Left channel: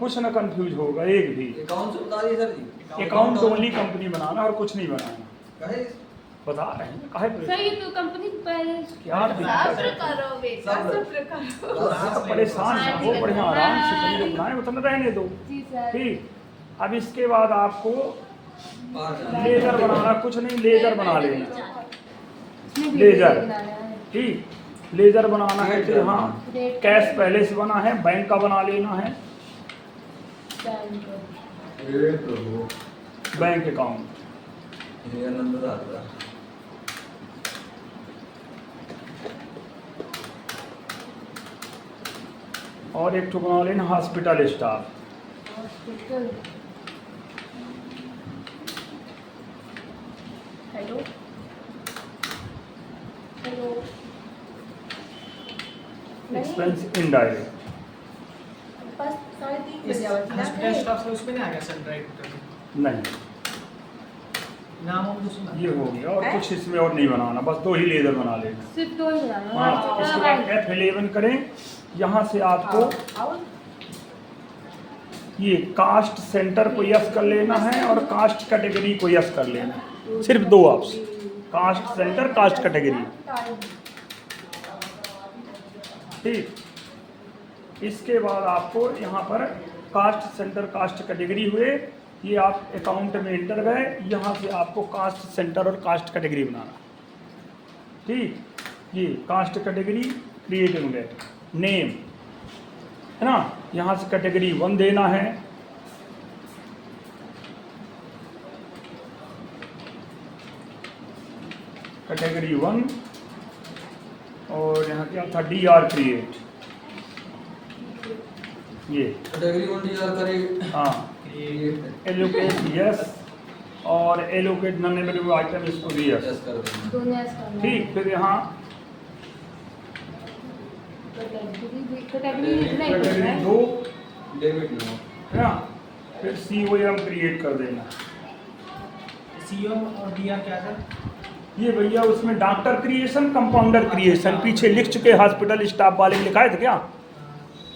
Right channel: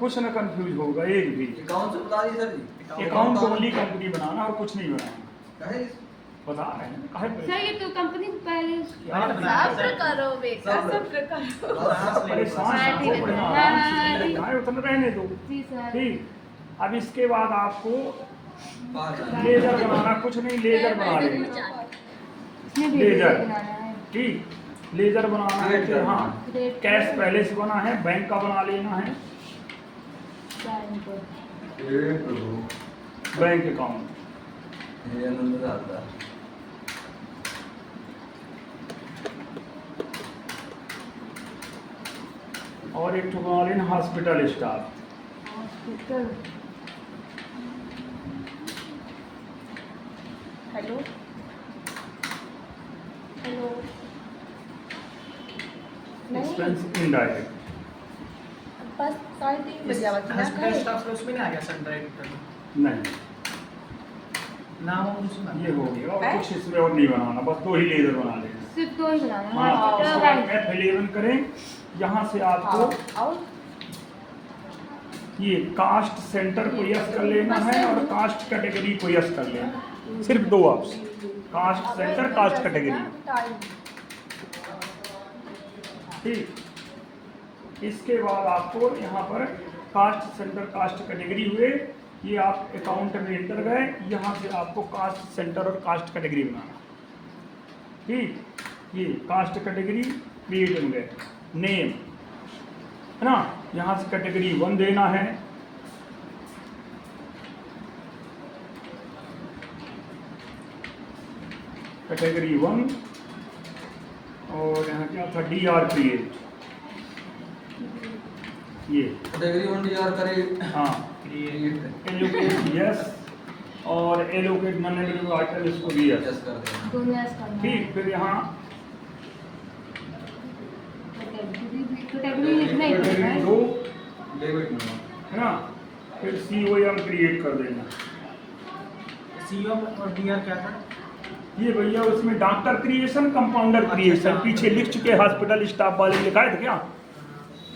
कुछ ना कंफ्यूज होगा एक भी। अकाउंट से बता दिए सर जी। अकाउंट ओनली कंपनी बनाना और कुछ नहीं बनाना। कहे बता रहे हैं काहे पे? सर ये तो कंपनी पहले सब्र करो बेटा, सब्र करो। परेशान हाँ, हो, ठीक है, बड़े हाँ, आराम से हाँ, चीजें बनाए, उतना रहने दो। जी सर। ठीक, अब इसके बाद आपको बाहर जाना। लेजर बनाना, कुछ नहीं लेजर बना लेना। इसमें भी लेजर। बनाना है। ठीक, लेजर बनाना है तो यहाँ रेट कैश पहले से बना है, बैंक का बना लेना है, हे प्रभु, बैंक अकाउंट। हे आनंद दाता। और एक ठो बना लेना hospital staff. Hospital. Hello hello expense indirect. बस 3:30 बजे आवाज ना हॉस्पिटल करे। स्टाफ में उसमें नहीं आ गया सनराइज नहीं, नाम और कुछ नहीं। ये हो गया और कुछ इसमें और नहीं बनाना, बस दो ही लेजर बना लेना। सिर्फ दो ही बनाना है। हाँ, हॉस्पिटल इसके और बाद बैंक। F11 करें, यहाँ से आपको आओ ये कास्ट सेंटर को यस कर लेना है और कास्ट कैटेगरी को यस कर लेना। सिर्फ दो option, caste centre, caste category. ठीक, इसके बाद आपको यहाँ पर कास्ट सेंटर कास्ट कैटेगरी हुए, ये आप अकाउंट में एंटर गए, यहाँ से आपको कास्ट सेंटर और कास्ट कैटेगरी बनाना। ठीक, ये कास्ट कैटेगरी क्रिएट हो गए, नेम है ना, यहाँ से कैटेगरी 1 देना है। कैटेगरी 1 और यहाँ क्या था, DR क्रिएट, ये कैटेगरी 1 डीआर करे। हाँ, क्रिएट एलोकेट यस और एलोकेट नॉन एवेलेबल आइटम इसको भी यस। यस कर देना। दोनों ऐसे करना है। ठीक, फिर यहाँ कैटेगरी नहीं करना कैटेगरी है। 2 डेबिट में है ना, फिर COM क्रिएट कर देना। सीओ और डीआर क्या था? ये भैया उसमें डॉक्टर क्रिएशन, कंपाउंडर क्रिएशन पीछे लिख चुके, हॉस्पिटल स्टाफ वाले लिखा है था क्या,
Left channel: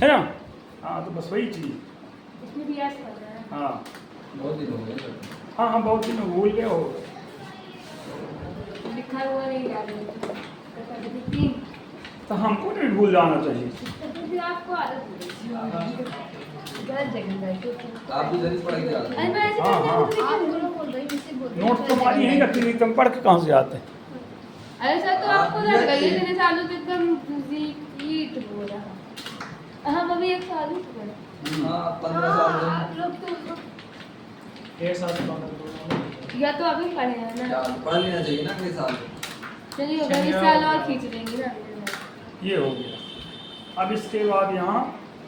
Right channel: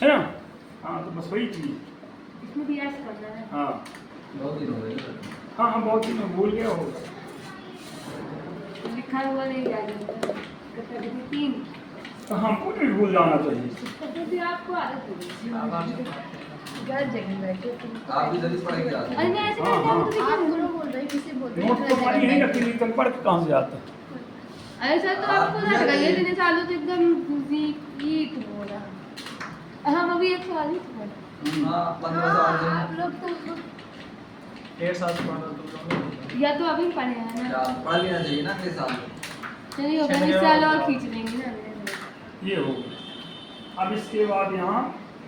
है ना? हाँ, तो बस वही चीज़। इसमें भी ऐसे करना है। हाँ बहुत दिन हो गए। हाँ हाँ, बहुत दिन में भूल गए हो। लिखा हुआ नहीं याद है। कैटेगरी 3। तो हमको नहीं भूल जाना चाहिए। कैटेगरी आपको आदत हो गई। घर जगह बैठे। आप भी दरिश पढ़ के आते अरे मैं ऐसे हाँ, करता हाँ। हूँ तो आप क्या गुरु बोल रहे किसे बोल रहे नोट तो खाली यही रखी, तुम पढ़ के कहाँ से आते हैं? अरे सर तो आपको लग गई है, इतने सालों से एकदम ईट बोला। हम अभी एक साल ही पढ़े। हाँ 15 साल में। आप लोग तो 1.5 साल से पढ़ रहा हूँ। या तो अभी पढ़े हैं क्या ना। पढ़ लेना चाहिए ना अगले साल। चलिए अगले चलिए, साल और और खींच लेंगे ना अगले साल। ये हो गया। अब इसके बाद यहाँ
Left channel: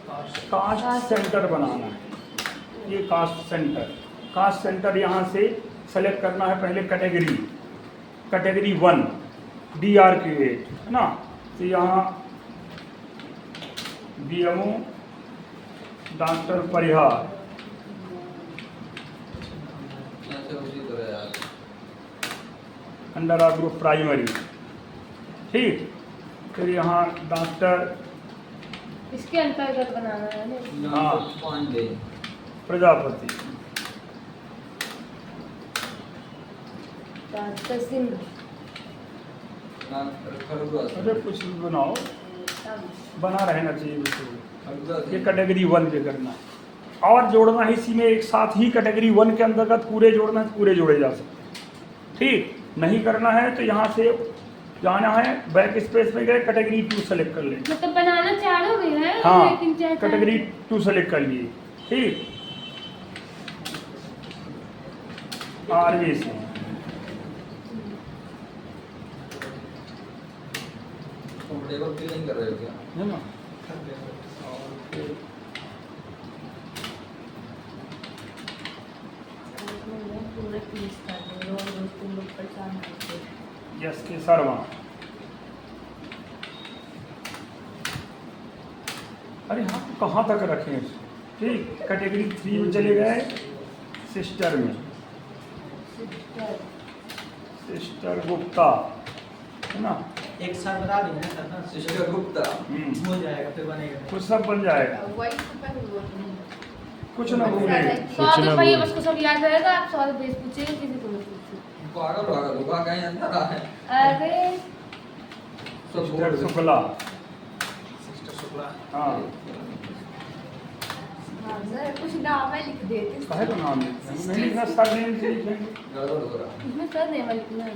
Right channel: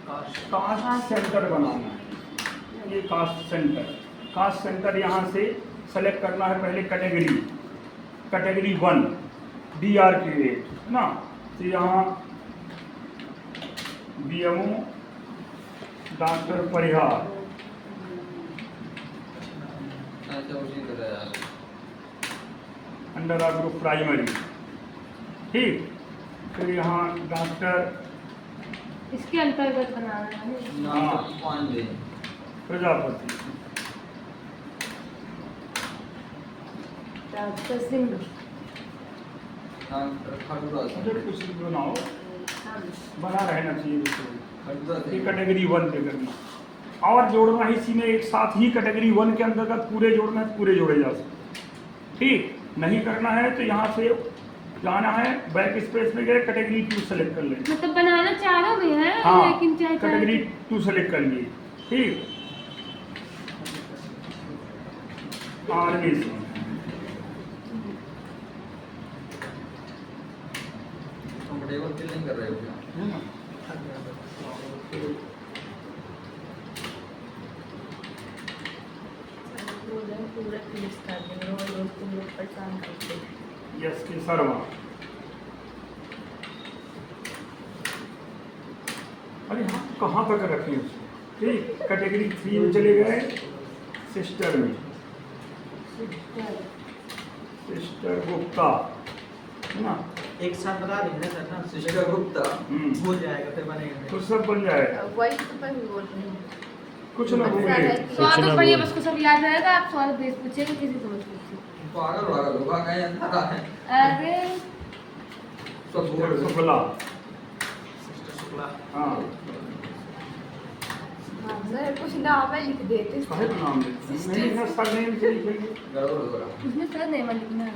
कास्ट सेंटर बनाना है। ये कास्ट सेंटर, कास्ट सेंटर यहाँ से सेलेक्ट करना है पहले कैटेगरी, कैटेगरी 1 DR क्रिएट है ना, तो यहाँ DMO डॉक्टर परिहार, अच्छा उसी तरह यार। Under group primary. ठीक, फिर यहाँ डॉक्टर इसके अंतर्गत बनाना है ना। हाँ। पांडे। प्रजापति, डॉक्टर सिंह। खरगोश। अगर कुछ भी बनाओ, बना रहना चाहिए उसको। खरगोश। ये कैटेगरी 1 पे करना और जोड़ना है इसी में एक साथ ही, कैटेगरी 1 के अंतर्गत पूरे जोड़ना है, पूरे जोड़े जा सकते। ठीक, नहीं करना है तो यहाँ से जाना है, बैक स्पेस में गए, कैटेगरी 2 सेलेक्ट कर लेंगे। मतलब बनाना चारों भी है, हाँ, लेकिन चाहे कैटेगरी 2 सेलेक्ट कर लिए। ठीक, आर्मी से कंफर्टेबल फील नहीं कर रहे हो क्या? है ना, पूरा क्लिक कर देंगे और रोज तुम लोग परेशान करते हो। यस के शर्मा। अरे हाँ, कहाँ तक रखें इसको? ठीक, कैटेगरी 3 में चले गए, सिस्टर में, सिस्टर गुप्ता है ना, एक साल बता देंगे ना सर ना सिस्टर गुप्ता। हो जाएगा फिर बनेगा नहीं। तो सब बन जाएगा, वही तो मैं भी बोल रही हूँ। कुछ ना भूले। स्वाद तो भैया बस को सब याद रहेगा। आप स्वाद बेस पूछेगा किसी को मत पूछिए। पागल पागल होगा कहीं अंदर है। अरे सब बोल शुक्ला, सिस्टर शुक्ला। हाँ हाँ सर कुछ नाम है लिख देते। काहे का नाम लिखेंगे? नहीं ना, सरनेम से लिखेंगे। गड़बड़ हो रहा। इसमें सर नेम लिखना है।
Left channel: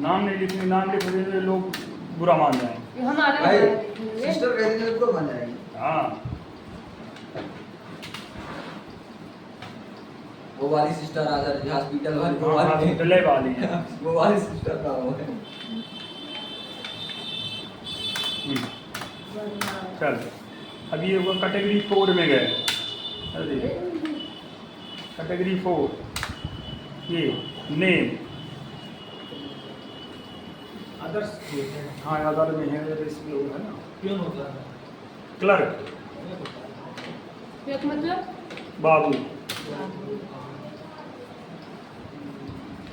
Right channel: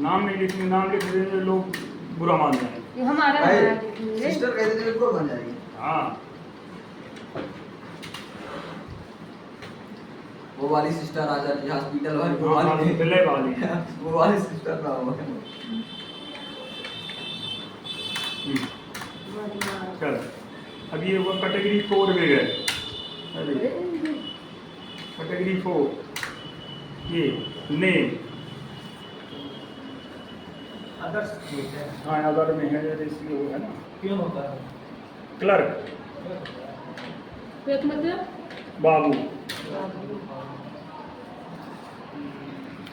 नाम नहीं लिखेंगे, नाम लिख देंगे लोग बुरा मान जाएंगे। ये हमारा भाई नाम लिखेंगे। सिस्टर कह देंगे ऊपर बन जाएगी। हाँ वो वाली सिस्टर आचार्य जी हॉस्पिटल वाली वो हाँ, वाली दिल्ली वाली। वो वाली सिस्टर ना हो। चल अभी ये वो कैटेगरी 4 में गए। अरे कैटेगरी 4 ये नेम, अदर्स ठीक है। हाँ अदर में है, इसलिए वो है ना क्यों होता है? क्लर्क, एक मतलब बाबू।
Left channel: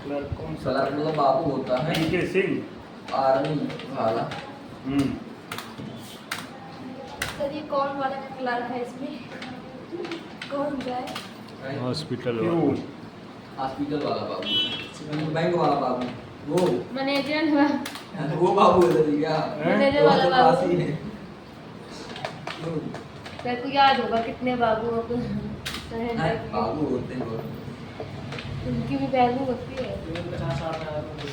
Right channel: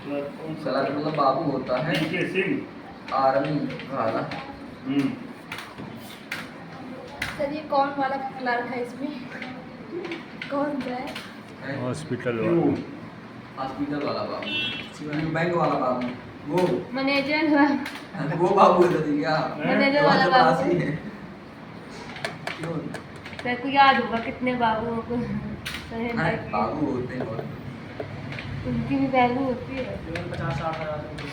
क्लर्क कौन सा? सलाह मतलब बाबू होता है DK सिंह। आर्मी वाला। सर ये कौन वाला क्लर्क है इसमें? कौन सा है? हॉस्पिटल वो हॉस्पिटल वाला बाबू, बैंक वाला बाबू, वो मैनेजर वो बाबू है दादी क्या? मैनेजर वो वाला चपरासी बाबू। है। क्यों? तेरे को याद होगा कितने बाबुओं को हैं? बाबू होते हैं और उनकी भी वैल्यू होती है। 50-60 हज़ार रुपये।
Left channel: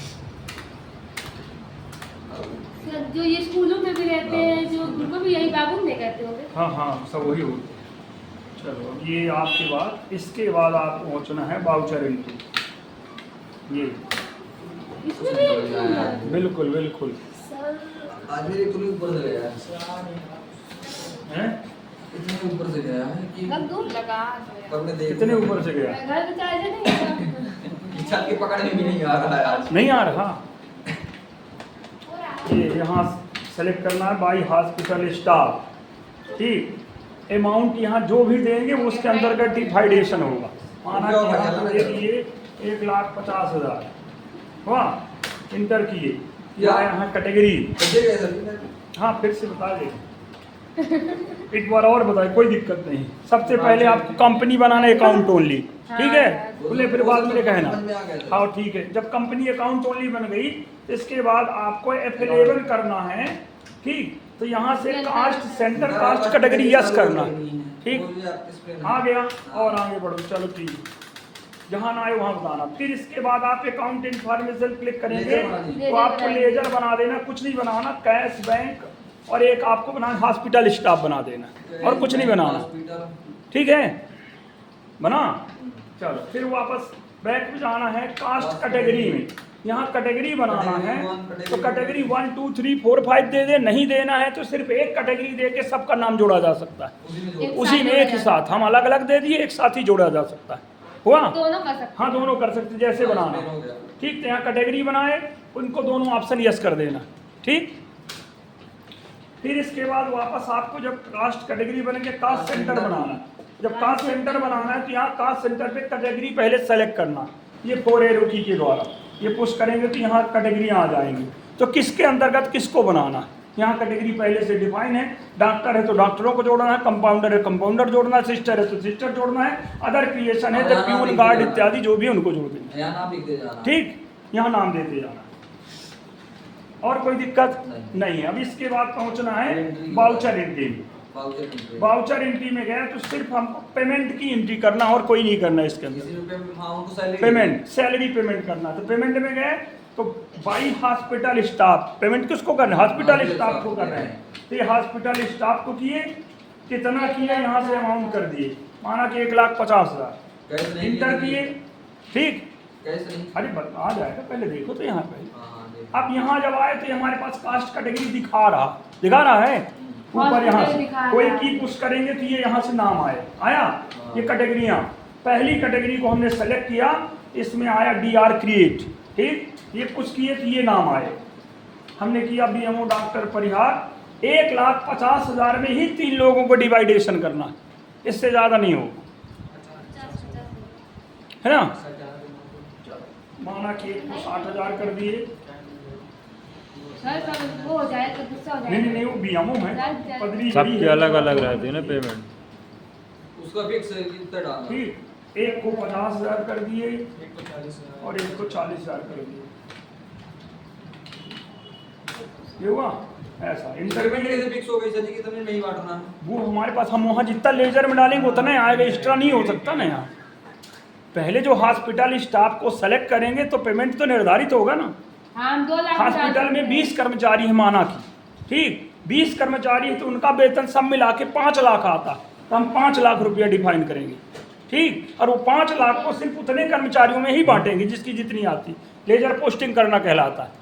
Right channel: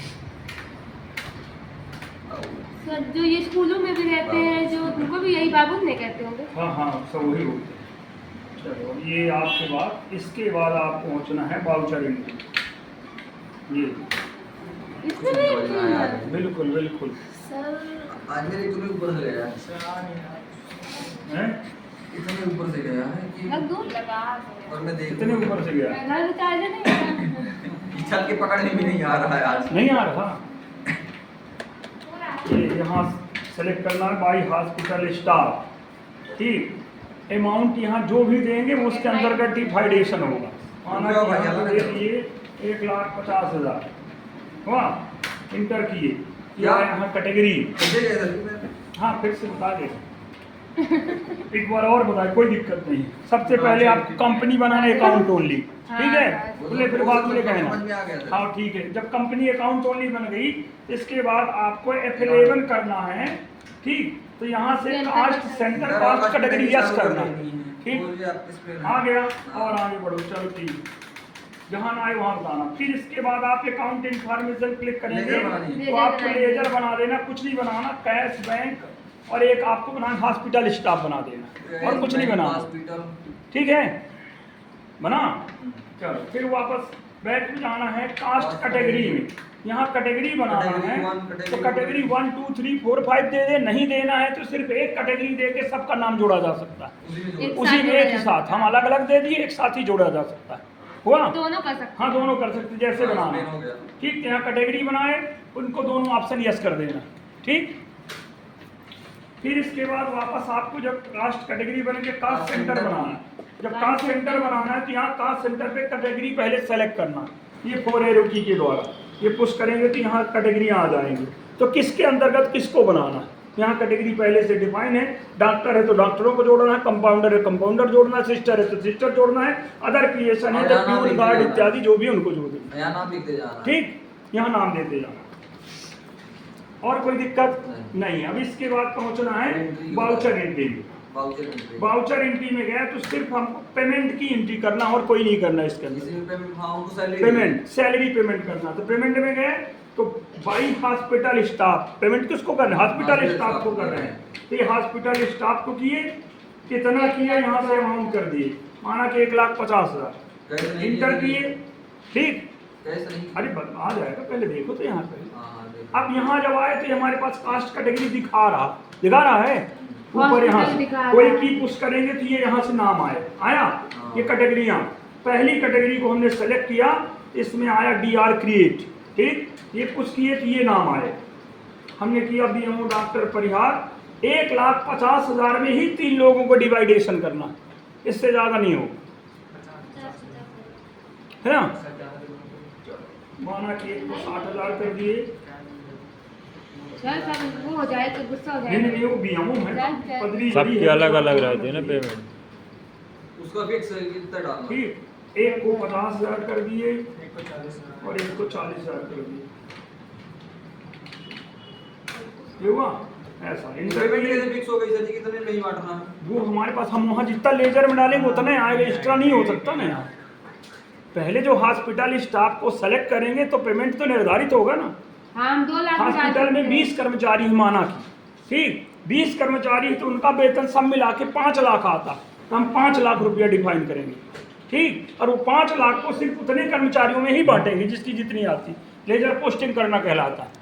बाबू। सर जो ये स्कूलों में भी रहते हैं जो उनको भी यही बाबू नहीं कहते होंगे। हाँ हाँ सब वही होते हैं। चलो ये आपके बाद, इसके बाद आप पहुँचना है बाउचर एंट्री। ये इसमें भी समझ में आया। बिल्कुल बिल्कुल सर आज मेरे इतने ऊपर से गया है। सर आ नहीं रहा। है, इतने ऊपर से गया है कि रख दूँ? लगा और मैं देख इतने ऊपर से गया। मैं घर में चार्जर नहीं है। छत के पकड़ में भी नहीं आ रहा है आज। नहीं आ रहा। ये यहाँ सेलेक्ट करना है बाई हॉस्पिटल स्टाफ। ठीक, अमाउंट यहाँ जो भी देंगे वो उसके अंतर्गत डिफाइडेशन होगा। माना कि यहाँ दे दिए 1,50,000 हुआ, इंटर किए, या यहाँ कैटेगरी। समझे गए सर मैं? हाँ फिर से बता दे, एक बार और बताए, कोई दिक्कत नहीं। सबसे पहले आपको कंपनी बनाना है, अकाउंट ओनली। ठीक है, बोले फिर बाद में समझ में आ कहना। गया सर। हाँ ठीक है, जब कंपनी अकाउंट ओनली बन गई तो इसके बाद आपको F11 करना है। ठीक, तो यहाँ से caste centre caste category yes करना है। ठीक, बोलिए आप किस पे? आ गया और आगे बढ़ो। चलो ठीक, जहाँ ना आए वहाँ बताना। फिर इसके बाद आप अकाउंट इन्फॉर्मेशन क्लिक करेंगे लेजर बनानी तो आपको लेजर बना देना, कुछ नहीं बनाना। कैश बैंक और एक आपको बनाना हॉस्पिटल स्टाफ बना देना, और कुछ नहीं बनाना। हॉस्पिटल। ठीक है, बना। चलो फिर वापस बैक में जाना है कास्ट कैटेगरी में। यहाँ कैटेगरी बनाना कैटेगरी है, वन, तो कैटेगरी कैटेगरी 1 2 3 4 5 दे दे। नहीं देना है तो सिर्फ एक कैटेगरी दे के सबका नाम जोड़ा जा सकता है। उसी में एक जोड़। उसी में एक ही साथ, हम अलग अलग दे दिए, एक साथ ही जोड़ा जा सकता है। हुआ? दोनों कर सकते हाँ दोनों कर सकते, जैसे हाँ, बनाना। explain हो गया। ठीक, तो यहाँ कैटेगरी बनाए, उनको दोनों ऑप्शन यस कर देना। ठीक, फिर इसके बाद वापस आपको जब कास्ट कैटेगरी बन के कास्ट सेंटर बनाना है। जब कास्ट सेंटर बनाना है तो यहाँ कास्ट सेंटर पे कैटेगरी पहले सेलेक्ट करना। ये 4 एरो की के द्वारा ये पुश करेंगे तो यहाँ कैटेगरी आ जाएंगी। तो किसके अंतर्गत किसको बनाना है, यहाँ कैटेगरी पहले से डिफाइन है। डॉक्टर है तो डॉक्टरों को जोड़ना है, कंपाउंडर है कंपाउंडर जोड़ना है, सिस्टर है तो सिस्टर जोड़ना है, अदर क्रिएशन है तो प्यून गार्ड इत्यादि जो भी है उनको जोड़ देना। यहाँ नाम लिख दे जाना। ठीक, यहाँ नाम देते जाना, और कोई दिक्कत नहीं। अब इसके बाद पहुंचना है बाउचर एंट्री में। Voucher entry. बाउचर एंट्री में गया तो सिर्फ हमको पेमेंट की एंट्री करना और कोई नहीं करना इसके अंदर। किसी भी पेमेंट, हाँ उनको सैलरी पेमेंट सैलरी पेमेंट करना, तो पेमेंट में गए तो बाई हॉस्पिटल स्टाफ पेमेंट किसको करना है, हॉस्पिटल स्टाफ को कर रहे हैं। तो ये हॉस्पिटल स्टाफ को किए, कितना किया यहाँ से अमाउंट कर दिए, माना कि 1,50,000 कैसे नहीं इंटर किए। ठीक, कैसे नहीं? अरे आ जाएगा, पहले देखो तो यहाँ पे। हाँ देखो। अब यहाँ जब आए तो हमारे पास कास्ट कैटेगरी दिखा रहा है ऊपर। यहाँ से कोई की पुश करेंगे तो ये यहाँ से नाम आया ये कैटेगरियाँ। पहली कैटेगरी को हमने सेलेक्ट किया, इसमें आया DR क्रिएट। ठीक, ये पुश किए तो ये नाम आया, हमने किया BMO डॉक्टर परिहार। 1,50,000 में ही 3 लोगों को डिवाइडेशन करना, इससे ज़्यादा नहीं होगा, है ना। माना कि 60,000 कर दिए, सर सब वो हो जाए तो गुस्सा हो नहीं नहीं जाए नहीं, वो बीएमओ है जाए। पदरी सबकी बड़ी है, अलग अलग तो रहती है ना पेमेंट। उसका फिक्स कितना डालना? ठीक, एक को 50,000 कर दिए एक को 40,000 और एक को 40,000 कर दिए, ये हुआ ऐसा। पेमेंट कैसे फिक्स हो गई सर जी कि तुम्हें नहीं बांटना? वो हमारे पास, हम वहाँ जितना लेजर में डालेंगे उतना ही आएगा, एक्स्ट्रा नहीं हो सकता ना यार। पहले जो हॉस्पिटल स्टाफ को सेलेक्ट करेंगे तो पेमेंट तो निर्धारित होगा ना। हाँ हम 2 लाख हॉस्पिटल में 20 कर्मचारी है माना की, ठीक, 20 कर्मचारी है तो उनका वेतन सब मिला के 5 लाख आता, तो हम 5 लाख रुपया डिफाइन करेंगे, ठीक, और वो 5 लाख को सिर्फ उतने कर्मचारियों में ही बांटेंगे जिसकी जितनी आती, लेजर पोस्टिंग करना कहलाता है।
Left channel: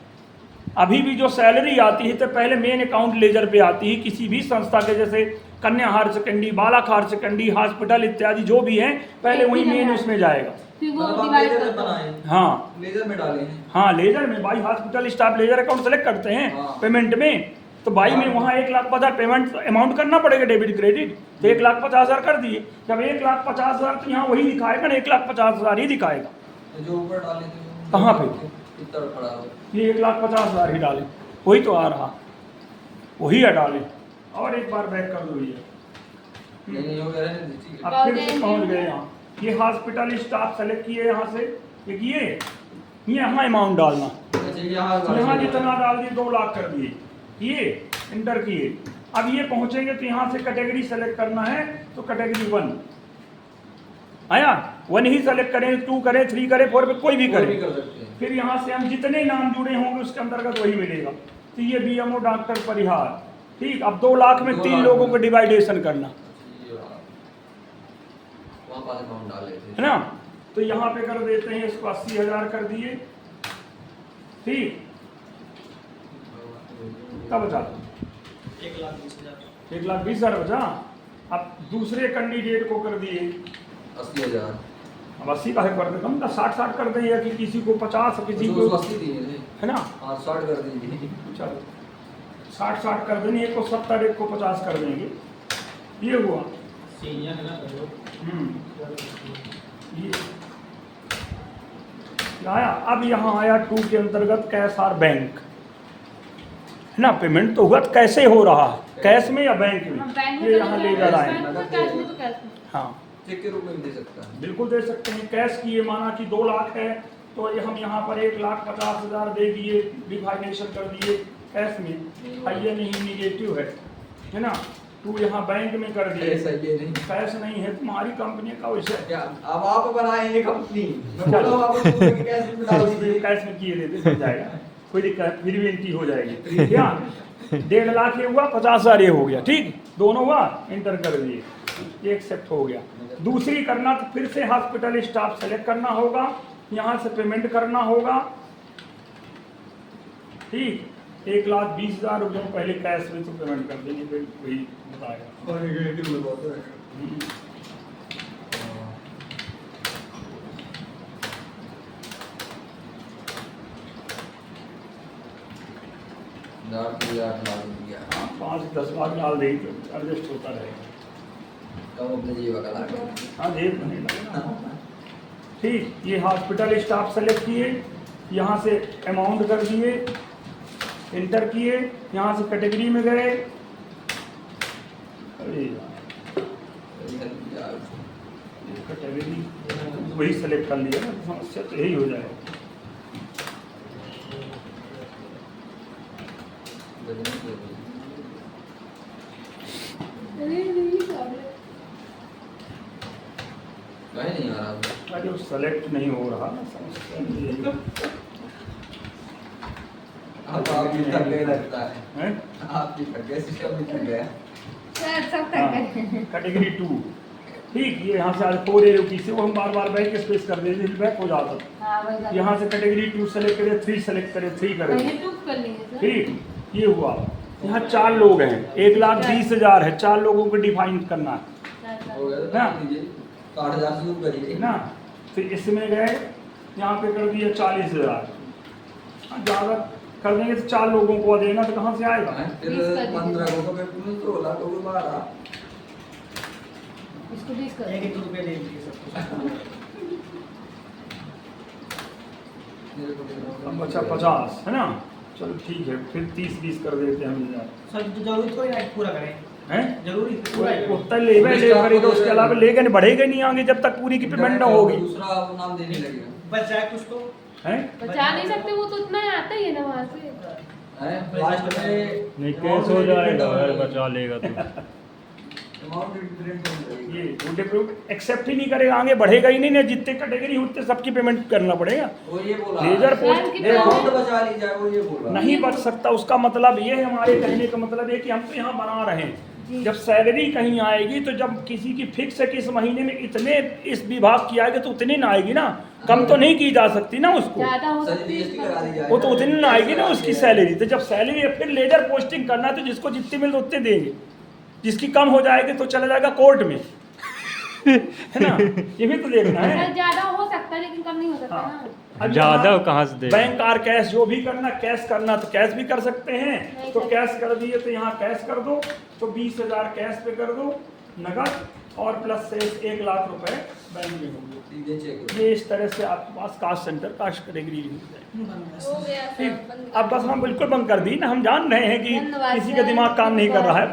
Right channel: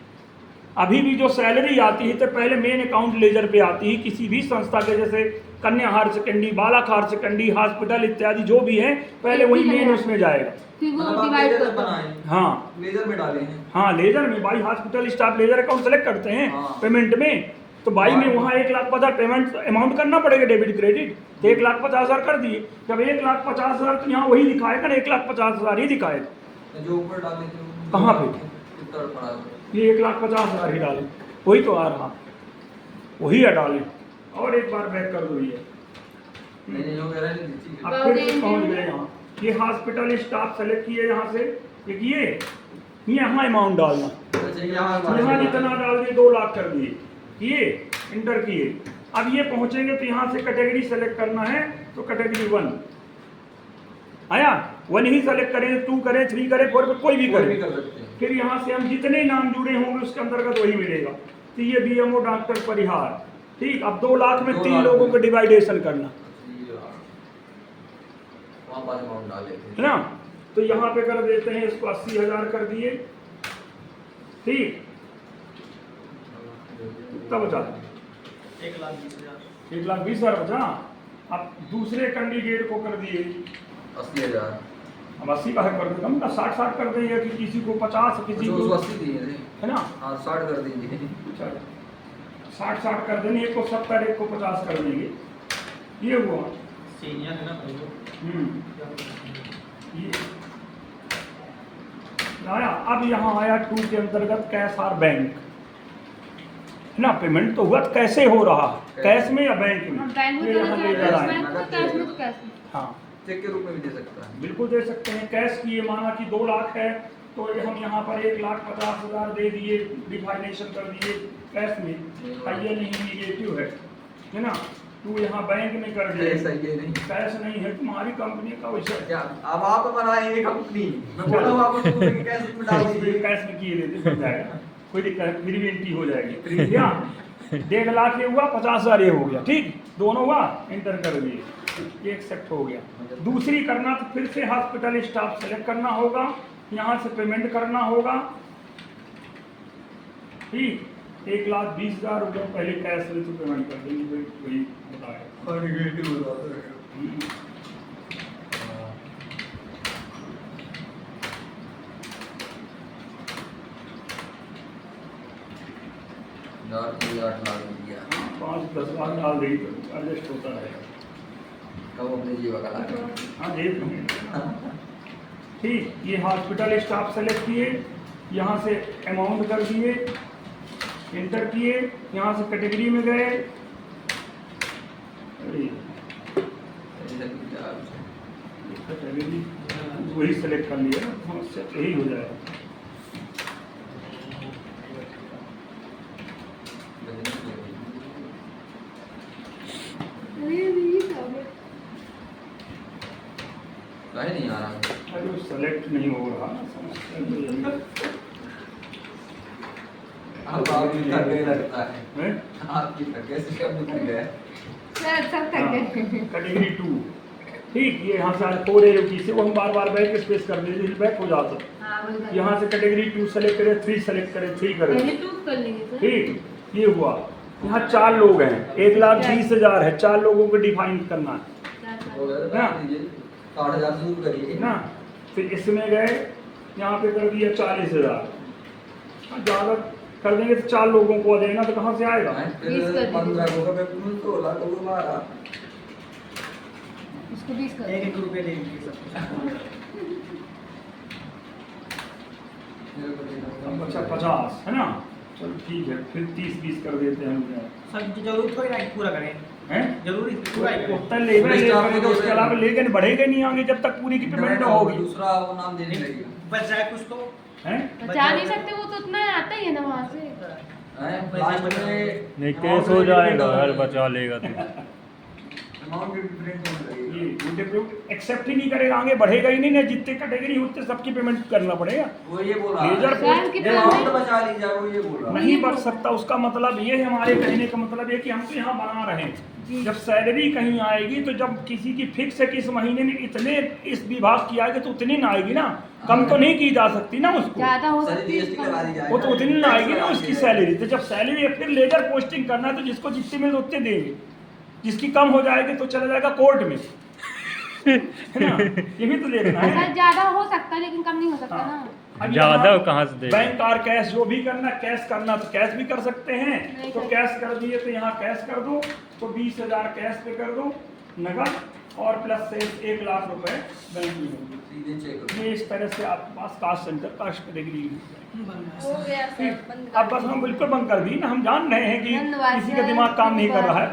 अभी भी जो सैलरी आती है तो पहले मेन अकाउंट लेजर पे आती है किसी भी संस्था के, जैसे कन्या हायर सेकेंडरी, बालक हायर सेकेंडरी, हॉस्पिटल इत्यादि जो भी है, पहले वही मेन उसमें जाएगा। फिर वो मतलब आप डिवाइड लेजर कर दो। बनाए, हाँ लेजर में डाले हैं। हाँ, लेजर में भाई hospital staff ledger account select करते हैं हाँ। पेमेंट में, तो भाई में वहाँ 1,50,000 पेमेंट अमाउंट करना पड़ेगा डेबिट क्रेडिट, तो 1,50,000 कर दिए। जब 1,50,000 तो यहाँ वही दिखाएगा ना, 1,50,000 ही दिखाएगा। तो जो ऊपर डाले थे कहाँ पे? कितना पड़ा? ये 1,50,000 ही डाले, वही तो आ रहा, वही है डाले। और एक बार बैक कर दो ये, नहीं नहीं वो कह रहे हैं ठीक है। अब फिर से पहुँच गए यहाँ। ये हॉस्पिटल स्टाफ सेलेक्ट किए यहाँ से, एक ये यहाँ अमाउंट डालना, अच्छा यहाँ तो यहाँ जितना डाल दिए 2 लाख कर दिए, ये इंटर किए। अब ये पहुंचेंगे तो यहाँ से कैटेगरी सेलेक्ट करना है, तो कैटेगरी 1 आया, 1 ही सेलेक्ट करें, 2 करें, 3 करें, 4 पे कोई भी कोई भी करें। कर सकते हैं। फिर यहाँ से हम जितने नाम जुड़े होंगे उसके अंतर्गत वही मिलेगा। तो ये बीएमओ डॉक्टर परिहार, ठीक। अब 2 लाख में 2 3 लाख लोगों में। को डिवाइडेशन करना ये वहाँ पास अमाउंट डाल लेते है ना, तो यहाँ पे कर देते हैं इसको 80,000 कर दिए, ठीक। तब बचा 1,20,000 1,20,000 बचा। अब दूसरे कैंडिडेट को कर दिए 80,000। अब 80 का है कर देता हूँ, 60-60 कर देंगे कि किसी को 50, किसी जो को, उसको 80 दिए थे, है ना, हाँ 60 कर दीजिए। चलो 60-60 कर देंगे, एक को 70, एक को 50 कर देंगे, ये हुआ। सीनियर है ना भाई ये आया। अब यहाँ आया 2 के अंतर्गत कैश और बैंक, है ना। पेमेंट तो हुआ, कैसे हो रहा है, कैश में या बैंक हम में, बैंक में ये तो यहाँ नहीं लेकर कर आए, बैंक में कैश में तो कैश में। हाँ चेक के रूप में भी दे सकता है। बिल्कुल दे सकते हैं। कैश की ये माना कि 2 लाख है, तो ये हम यहाँ पर 1,50,000 दे दिए, डिफाइनेशन कर दिए कैश में, ये नहीं निगेटिव है ना। तू यहाँ बैंक में कर दिए, ऐसा ये नहीं कैश नहीं है तुम्हारी कंपनी का वैसे, क्या अब आप बनाए ये कंपनी, मैं बोला हूँ आपको शुरू में कैसे में डाल दीजिए। कैश में किए देते बन जाएगा, कोई दिक्कत, मेरी बेनती हो जाएगी। क्या 1.5 लाख ये हुआ, 50,000 ये हो गया, ठीक, दोनों हुआ, इंटर कर दिए, ये एक्सेप्ट हो गया। दूसरी करना तो फिर से हॉस्पिटल स्टाफ सेलेक्ट करना होगा, यहाँ से पेमेंट करना होगा, ठीक। 1,20,000 रुपये पहले कैश में तो पेमेंट कर देंगे, वही बताया। और नेगेटिव बताता है। डाल दिया, 8 लाख दिया। 5-10 लाख डाल दे तो एडजस्ट होता रहेगा। कब अपने जीवा का लाख। हाँ जेब नहीं लगेगा। ठीक, ये हॉस्पिटल स्टाफ सेलेक्ट किए, यहाँ से अमाउंट कर दिए, इंटर किए, यहाँ से कैटेगरी में गए, अरे कैटेगरी वही सेलेक्ट कर लिया ना, समस्या तो यही हो जाएगा। काहे नहीं आ रहा? अरे वो सेलेक्ट नहीं हो रहा, समस्या तो यही अब आप भी थक गए लगता है। है। आप भी थक गए, सिस्टम भी थक गया। सर सब तक गए। कैटेगरी 2, ठीक। ये यहाँ से आज 4 AOT से वो हम बार बार बैक स्पेस कर देते हैं, बैक हो जाता है। हाँ वही बात। यहाँ से कैटेगरी 2 सेलेक्ट करें, 3 सेलेक्ट करें, 3 करें, पहले 2 कर लेंगे सर। ठीक। ये हुआ, यहाँ 4 लोग हैं, 1,20,000 है, 4 लोगों को डिफाइन करना है हो गया तो डाल दीजिए, 60,000 शुरू करिए ना। फिर इसमें गए, यहाँ पे कर दिया 40,000, ज़्यादा कर देंगे तो 4 लोगों को आ जाएगा, तो कहाँ से आएगा। फिर 15 को मैं पूछूं तो 16 को 12 इसको 20 कर 1-1 रुपये दे दीजिए सब कुछ। मेरे को देना अब बचा 50, है ना। चल ठीक है, फिर 30-20 कर देते हैं हम यार। सर जरूरी थोड़ी ना कि पूरा करें, हैं? जरूरी पूरा ही करें। उतना लेगा पुलिस ले स्टाफ करेगा, को उसके दे अलावा देगा। लेगा नहीं, बढ़ेगा नहीं आगे जब तक पूरी की पेमेंट ना होगी। दूसरा वो नाम देने लगेगा। बच जाए कुछ तो हैं? बचा नहीं सकते, वो तो उतना ही आता ही है ना वहाँ से। लास्ट में नहीं केस हो जाएगा अगर बचा लेगा तो। अमाउंट डिफरेंट होने लगेगा। ये झूठे प्रूफ एक्सेप्ट ही नहीं करेगा, आगे बढ़ेगा ही नहीं ना, जितने कैटेगरी उतने सबकी पेमेंट करना पड़ेगा। वो ये बोल रहा लेजर है सर, कितना अमाउंट में? बचा ली जाए, वो ये बोल रहा है। नहीं बच सकता, उसका मतलब ये है, हमारे कहने का मतलब है कि हम तो यहाँ बना रहे हैं, जब सैलरी कहीं आएगी तो जब किसी की फिक्स है कि इस महीने में इतने इस विभाग की आएगी तो उतनी ना आएगी ना, कम तो नहीं की जा सकती ना उसको, ज्यादा हो सर सकती जीएसटी लगा दी जाए। वो तो उतनी ना आएगी ना उसकी सैलरी। तो जब सैलरी है फिर लेजर पोस्टिंग करना है तो जिसको जितनी मिल उतने देंगे, जिसकी कम हो जाएगी तो चला जाएगा कोर्ट में है ना, ये भी तो देखना है। सर ज्यादा हो सकता है लेकिन कम नहीं हो सकता हाँ। ना। अब ज्यादा यहाँ कहाँ से देगा? बैंक और कैश जो भी करना, कैश करना तो कैश भी कर सकते हैं, नहीं तो कर कैश कर दिए तो यहाँ कैश कर दो, तो 20,000 कैश पे कर दो नगद, और प्लस से 1 लाख रुपए बैंक में होंगे। सीधे चेक ये इस तरह से आपके पास कास्ट सेंटर कास्ट कैटेगरी मिल जाएगी। बन हो गया सर, ठीक, बंद अब बस हम बिल्कुल बंद कर दी ना, हम जान रहे हैं कि धन्यवाद किसी का सर। दिमाग काम नहीं कर रहा है।